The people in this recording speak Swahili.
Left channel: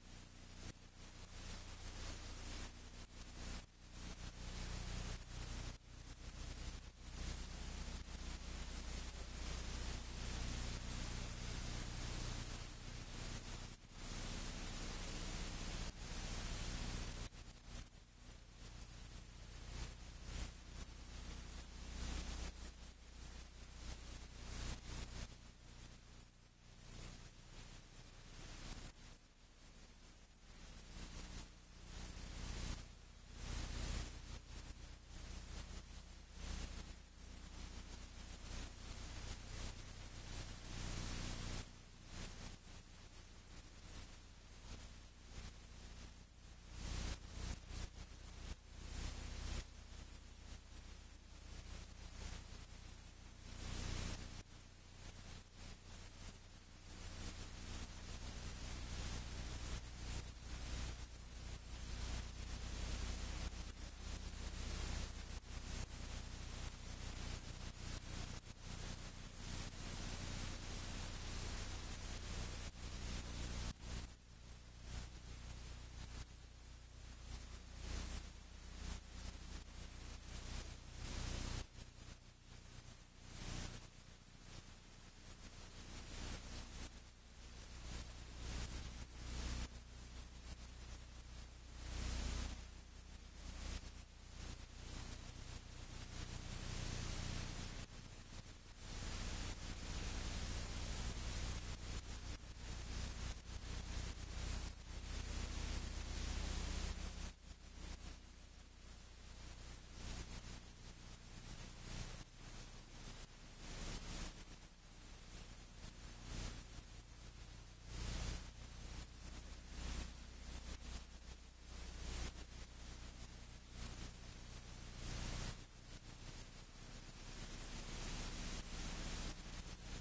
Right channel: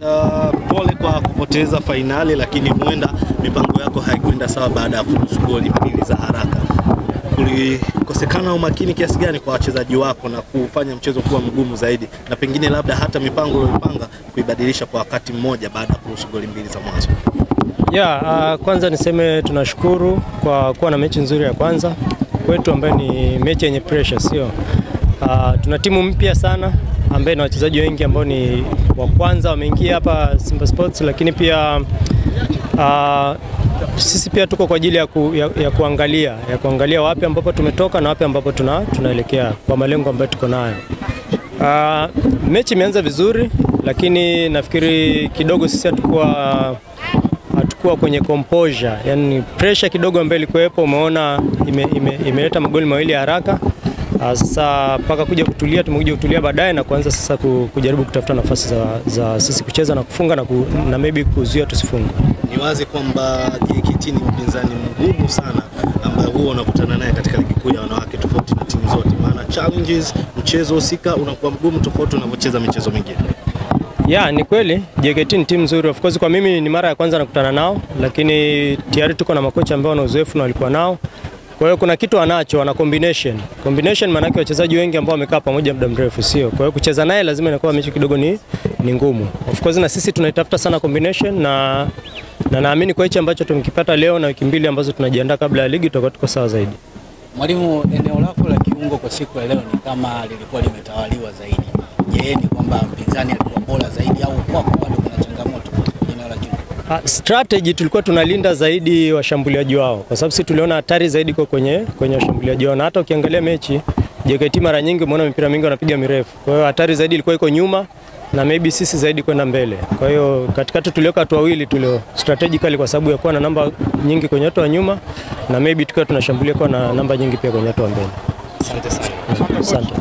Pole kwa kupoteza fainali, lakini huenda mipango yako haikuenda sawa baada ya kuruhusu goli mbili za haraka. Kulikosekana umakini kiasi gani kwa wachezaji wako na kufanya mchezo kuwa mgumu zaidi, na pengine labda hata mipango uliyopanga kuibadilisha kwa wakati mmoja baada ya kuruhusu goli mbili za mwanzo? Kwanza niseme tunashukuru kwa kuwa na mechi nzuri ya kwanza kwetu, ambayo ni mechi yenye pressure, sio? Tuna timu mpya sana ambaye na wachezaji wengi ambao ni wa kwanza wameingia hapa Simba Sports, lakini pia sisi pia tuko kwa ajili ya kuangalia wapi ambapo tumetoka na wapi ambapo tunaelekea kwa malengo ambayo tuko nayo. Mechi imeanza vizuri, lakini nafikiri kidogo sisi hatukuwa kwenye composure, yani pressure kidogo ambayo ilikuwepo, umeona imeleta magoli mawili ya haraka. Sasa paka tumekuja kutulia baadaye na kuanza sasa kujaribu kutafuta nafasi za sisi kucheza na kufunga na maybe kuzuia tusifunge. Ni wazi kwamba JKT ni mpinzani mgumu sana ambaye huwa unakutana naye katika ligi kuu ya wanawake, tofauti na timu zote, maana challenges mchezo husika unakuwa mgumu tofauti unavyocheza michezo mingine. Ni kweli JKT ni timu nzuri. Of course kwa mimi ni mara ya kwanza nakutana nao, lakini tayari tuko na makocha ambao wana uzoefu na walikuwa nao. Kwa hiyo kuna kitu wana combination, maana yake wachezaji wengi ambao wamekaa pamoja muda mrefu, sio? Kwa hiyo kucheza naye lazima inakuwa mechi kidogo ni ngumu. Of course na sisi tunaitafuta sana combination, na naamini kwa hicho ambacho tumekipata leo na wiki mbili ambazo tunajiandaa kabla ya ligi tutakuwa tuko sawa zaidi. Mwalimu, eneo lako la kiungo kwa siku ya leo ni kama lilikuwa limetawaliwa zaidi. Je, ni kwamba mpinzani alikuwa bora zaidi au kwako bado kuna changamoto eneo la kiungo? Strategy tulikuwa tunalinda zaidi washambuliaji wao, kwa sababu sisi tuliona hatari zaidi kwa kwenye washambuliaji wao, na hata ukiangalia mechi JKT mara nyingi umeona mipira mingi wanapiga mirefu. Kwa hiyo hatari zaidi ilikuwa iko nyuma na maybe sisi zaidi kwenda mbele. Kwa hiyo katikati tuliweka watu wawili strategically kwa sababu ya kuwa na namba nyingi kwenye watu wa nyuma, na maybe tukiwa tunashambulia kwa na namba nyingi pia kwenye watu wa mbele. Asante sana. Asante.